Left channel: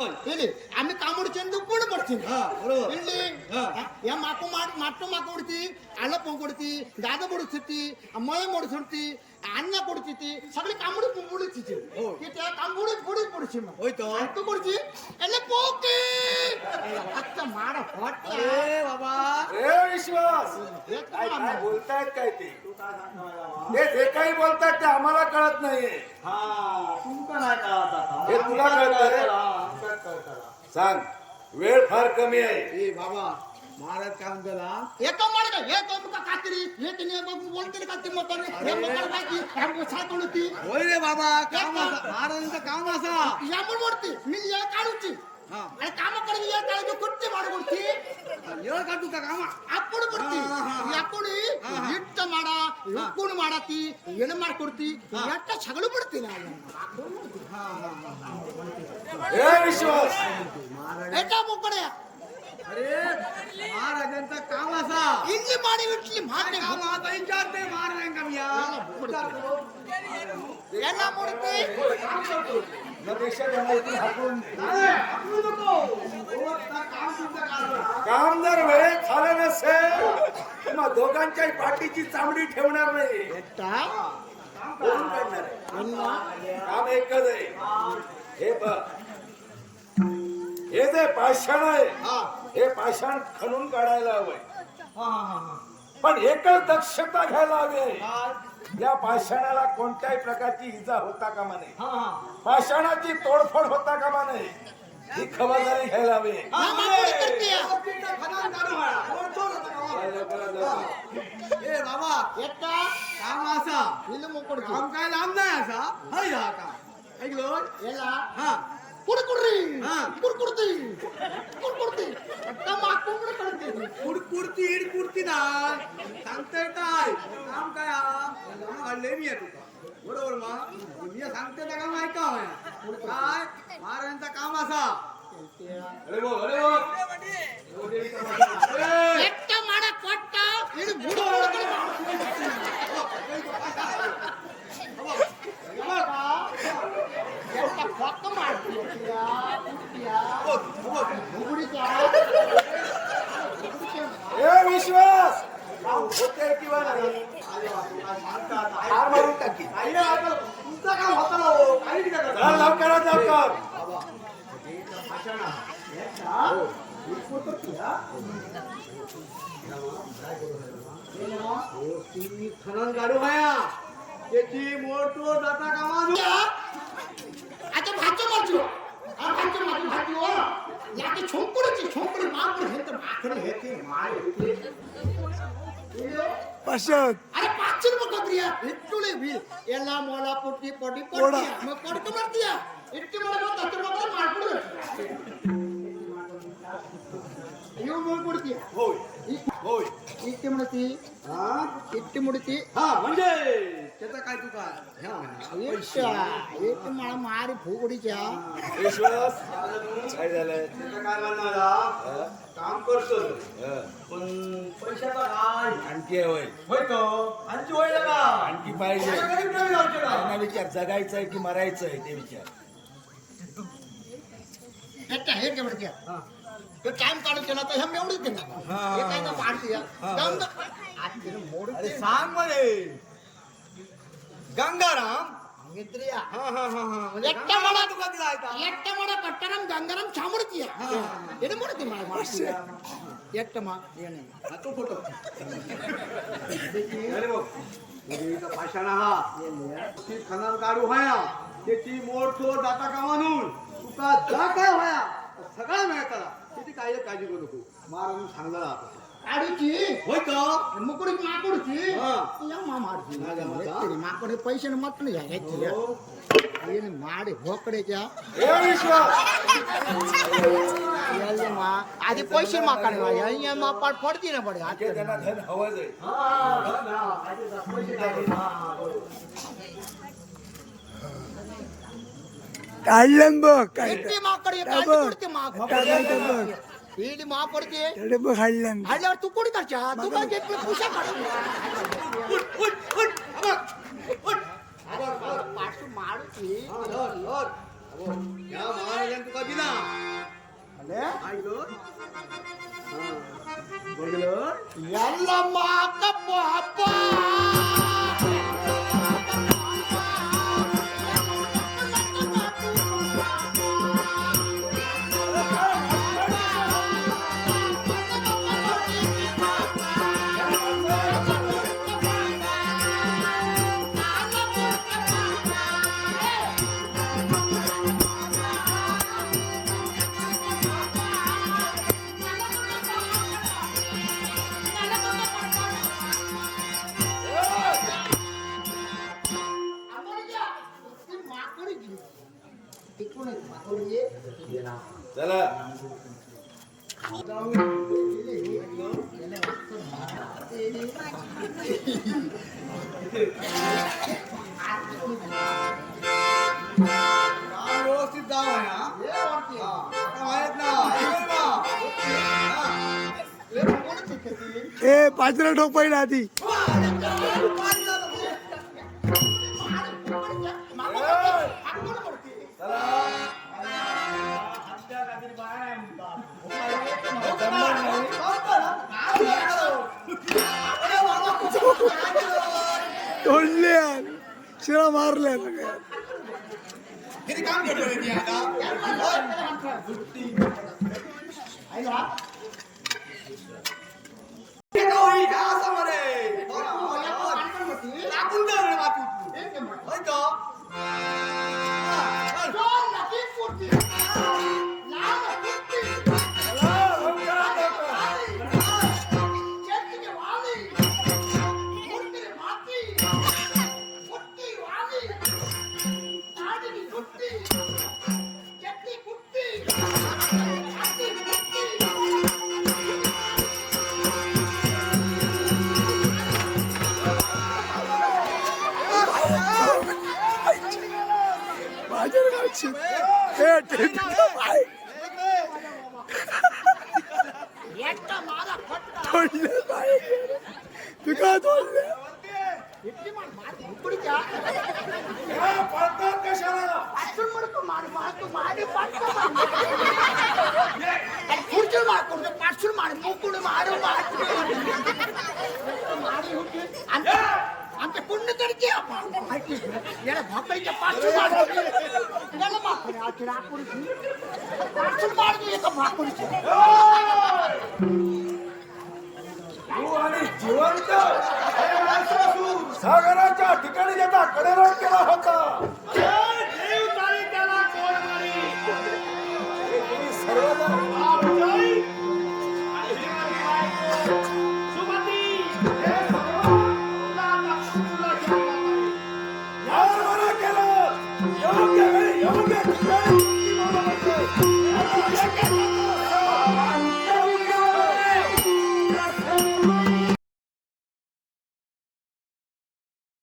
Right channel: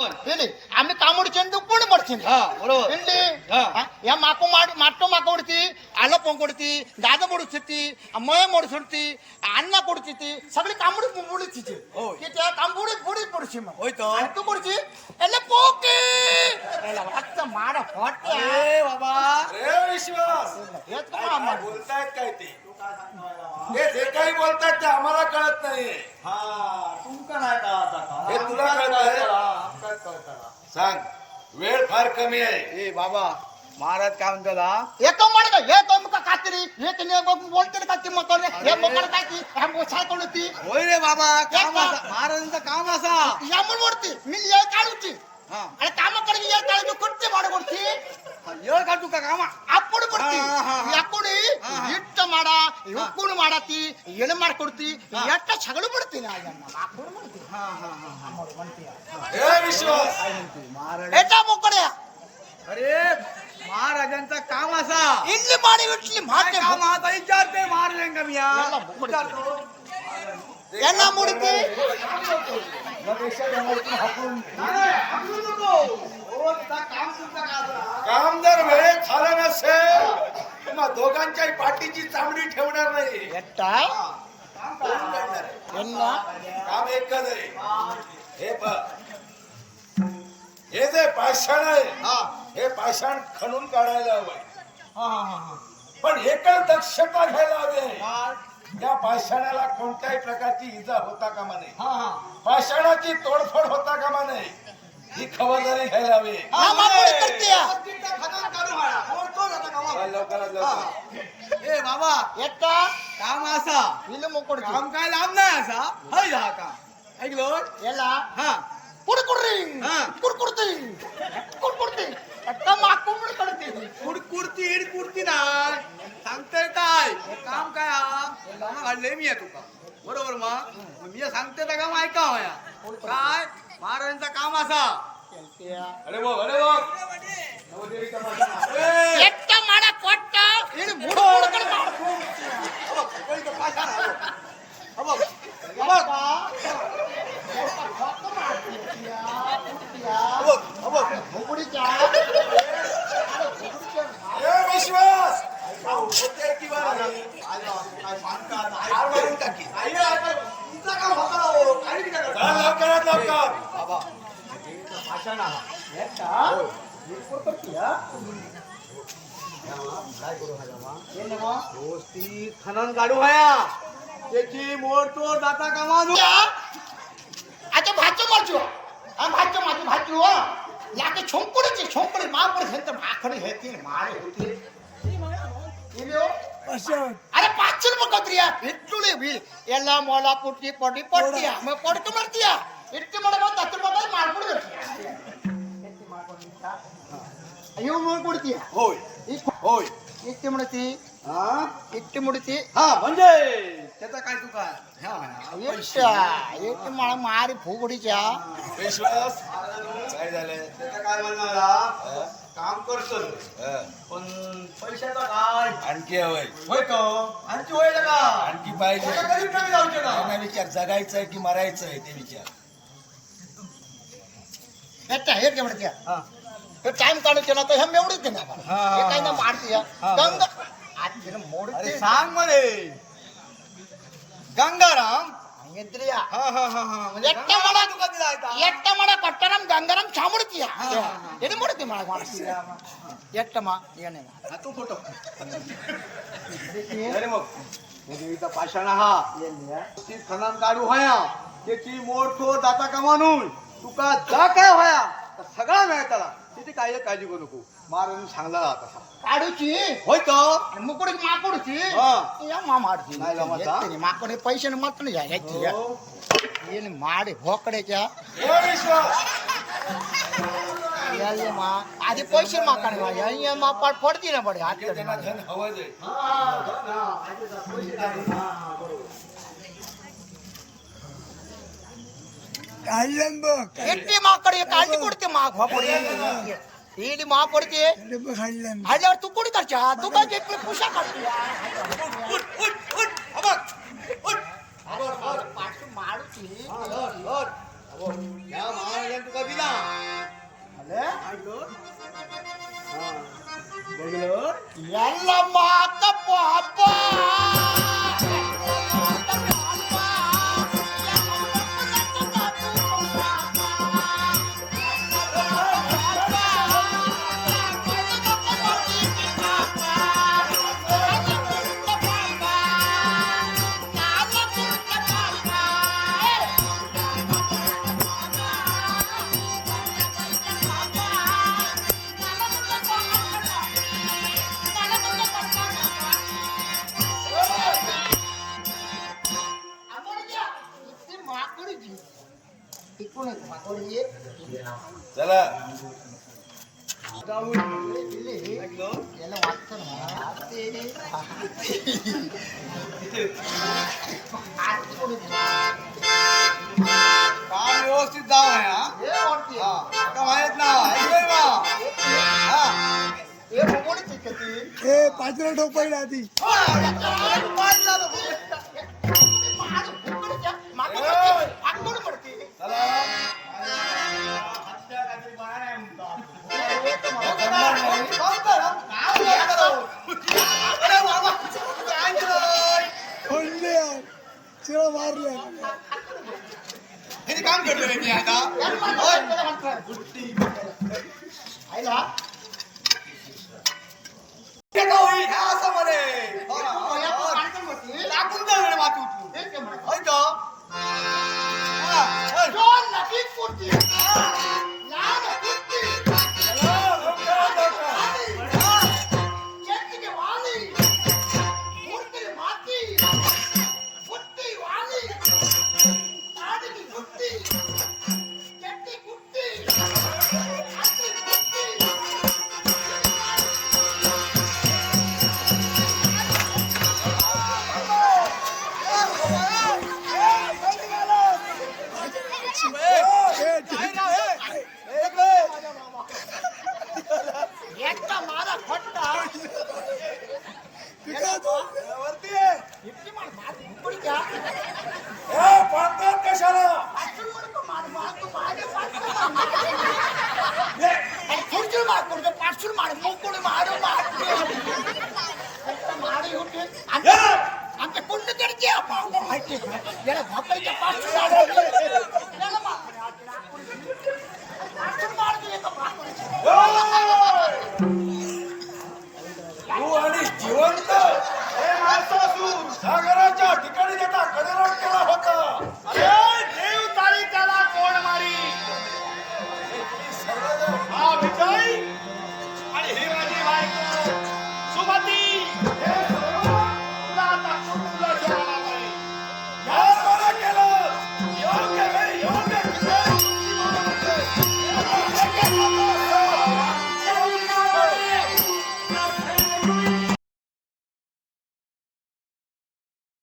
ಇಲ್ಲಿ ಆಮೇಲೆ ಕಾಮಡಿ ಚಂದ ಪೂರ್ಣ ಮಾಡ್ತೀನಿ ಇಲ್ಲಿ ಯಾ ಮಾಕು ಮಾಡಿ ಮಾಟೋ ಮಾಕ ಹೊಡ್ತಿ ಅಲ್ಲ ಪೊಂಗ್ ಕೊಡ್ತಿ ಗಾದ ಬಡಿಸ್ತಿ ಮಯ ಮಡಿಸ್ತಿ ಅನ್ನ ಕೊಡ್ತಿತಿ ಸಗಳಿ ಕಾಮಡಿ ಮುಡಿತಿತಿ ಕಾಮಡಿ ಬುಡಿ ಬಡಿಸಿ ಹೋಯ್ತು ಅದು ಬಡಿಸಿ ಎಲ್ಲ ಪೋ रक्त माड होते अरे बाबा. रे विश्वास. हे काय बोलतायत काय ते? तू काय बाबा? काही बोलतायत ते आम्हाला कळत नाहीये. हा तुमका नाही कळत आता? हे तुला सांग. वेळ फार कमी आहे. ए बाबा महाराज काय म्हणतला येतो माड का? येतो कात्री कातरी? हे तिने बोलते का ती मग हे मग काय ती. हे मग होय रे बाबा काम असा महाराजांचं काम असा. यामून मोडती मी ये काढूची. ಹಾ. ಅಲ್ಲ ಕಾಮ ಕಡೆಗೆ ಹೇಳ್ತಾಳೆ ಕೊಡ್ತಿ ಮಾಡ ಕೊಡ್ತಿ ಏಳ್ ಕಾಟು ಕಾಮ ಅಪ್ಪಡು ಕೊಡ್ತಿ ಹಾ, ಹಾ, ಹಾ. ಅಪ್ಪಡು ಇಟ್ಟ ಮಾಡ ಉಕ್ಕುಣು ಮಾಡತಿ ಏನು ಮಾಡ್ಕೊಡ್ತಿ ಎಟ್ಟ ಸಗಳು ಬಿಡ್ತೀನಿ ಅಪ್ಪಡು ಮಾಡ್ತೀನಿ ಹಾ ಹಾ ಹಾ ಹಾ ಅಮ್ಮೋಡು ಬಂತೀಯ हे विश्वास महाराज ಎಟ್ಟ ಮುಕ್ಕಡೆ अरे महाराजांचा काम असा ಇಲ್ಲಿ ಮಾಡಿ ಬಿಟ್ಲಿ ಮಾತೆ काम असा विचारते महाराजांना मी या. विचारतो यांना मुडते. काम वेळेत झालं नसेल मग दोघांच्याही पाठीची चामडी ठेवणार नाही. काम एकच आहे. हे बघ. हे जे पाषाण आहे हे. पाषाण खणून काढायला हवंय. पण एकच दक्षता घ्यायला हवी आहे. या पाषाणाला कोणत्याही प्रकारची इजा होता कामा नये. पाषाणाची तोडफोड होता कामा नये. ही खबरदारी घ्यायला हवी ए बाबा. एकटा? काम असा. विलू मोकड काम काय लांब नाही असा. हय हा का ऐकलो याला? हा. कुडकुडरी. हा. कुडकुडती. कुडकुडती. कुडकुडती ना कुडती सांगताय काय काम काय हा काम हाडले मी आहे तुका बरोबर मा मी सांगते तर काम ऐका माया काय महाराजांचा काम असा अरे बघ अरे बघ एकटा माडा कोट्टा विश्वास ठार मारून टाकी तुमचं काम होता ना हो काही बी नका करू. लवकरात लवकर बाबा ते तर भाषण आहे. हे का? वीरपूर तर ती, हा? काय करू हा जामा? हे ना मग. दोस्ती खनन काढू हया त्याची मोड तोड जाता कामा नु. আচ্ছা ভাজ্য মারছো আর ভাজ্য মারছো ভাজ্য লাকে ছং করেছে ছং করে মা করে হেতে মা করে হেতে মারে হেতে పశ్చాత్ అరే పాచు ముఖద్రియా ఇట్లు ಎಲ್ಲ ಮೊಲ ಪುಟ್ಟಿ ಪೊಡಿ ಪೊಟ್ಟಿ ಆಮೇಲೆ ಪೊಡ್ತು ಮಾಡ್ತೀಯ ಇಟ್ಟು ಮಾಡ್ಬೋದು ಹತ್ತು ರೂಪಾಯಿ ಮಾಡ್ಬಿಡ್ದು ಅಯ್ಯೋ ಮಾಡ್ಕೊಡ್ತೀಯ ಹೋಯ್ ಹೋಯ್ इट्टी मुडती हा? इट्टी मुडती हा म्हणजे? त्याचा काय तू काय? ह्या माया, मला मारी फुगडीच्या. विश्वास काय झालंय? काय म्हणणं मला काम करतो पण पैशाचा काय? आणखी हवंय. होय तो. आणखी होईल का? आणखी पाहिजे. त्यांना विचार जगायचंय की मरायचंय ते विचार. हेट्या हेट्या मुडत्या हा. हे टाइम काढून केला तर ह्या मेवडीत दे ना हे. काय ना पाडती गंग सांगमध्ये गंगाराम? सांगितलं म्हणजे एकटा तुका गंगाराम एकटा फोटो. अरे म्हणजे ती जाता का तुका जा काय होया. सगळा मिळतला. तिथे काय काळजी करू नको महाराजांनी सांगला आता काढूची होय का मुकडूची माकडूची हा. या मा मारची नाही जमत, हा? येते रे, माकड हे पैसे मत नाही घ्यायची या. हो. ये ना माड भोकड्याच्या ओ विश्वास याले मा आधी पैसे माकाने मा या- या मा पाट फोडती ना पडे हात धन हवंच आहे हा, धन, हा. ऐकलं का? पैसे काय देणार? ಕಾಯಿಲೆಂಬ ಎಟ್ಟಿ ಮಕ್ಕಳಿಗೆ ಕಾಳಜಿ ಕೊಡ್ತಿ ಮಾ ಇಲ್ಲಿ ಮಾ ಕೊಡ್ತಿ ಹಳ್ಳೆಂಬ ಹಳ್ಳಿ ಅವ್ರು ತುಕ್ಕು ಕುಡಿತಾರ ಚಾ ತುಕ್ಕ ಜೆಪ್ಪಿ ಪುಷ ಕಾಡ್ತೀಯ ಪಾಟು ಮಾಡುತ್ತಿ ಯಾವ ಮಹಾರಾಜನ್ ತುಕ ಬಿದ ಅಲ್ಲೇ ಆಯ್ತು ಎಲ್ಲಮ್ಮ ಅಕ್ಕಪ್ಪ ಅಪ್ಪ चला. काम व्यवस्थित जाव आहे हा? हा माहीत ना हा. ए पाचरा ठोक पहिला आधी. चला. तोडले शिळा मारले हे काम करतो रे मी आता होय. हे का होईल? ह्या असं म्हणे. हो ना, हो ना, हो ना. टाकून द्या रे माती उचलून. होय तू काय तोडले इतकी मार मार भुकडी द्या या पळतात कशाला पाचून म्हणतो मार मार तू मागे पाचून मार मागे. आणि खुर्चीवर मार खुर्ची पाचून मार मुकुड मार मार मार होते आमच्या आमच्या कुंडकडचे माहिती याला भाकरीच्या पाचून मार याला भाकरी, आजची राखुरीची. पाचून मार दे एका भाकरीची. तू आणि जिवंत हे माणसासून सागराच्या ठिकाणी त्याचा कडेलोट केला होता. अरे देव तारी त्याला कोण मारी? सर्वजण हा विजय आणि ही माझी बायको सुमती. हे सर्व तुला आता कुटुंबला पाहिजे? मला केलं. योग्य वेळी येऊन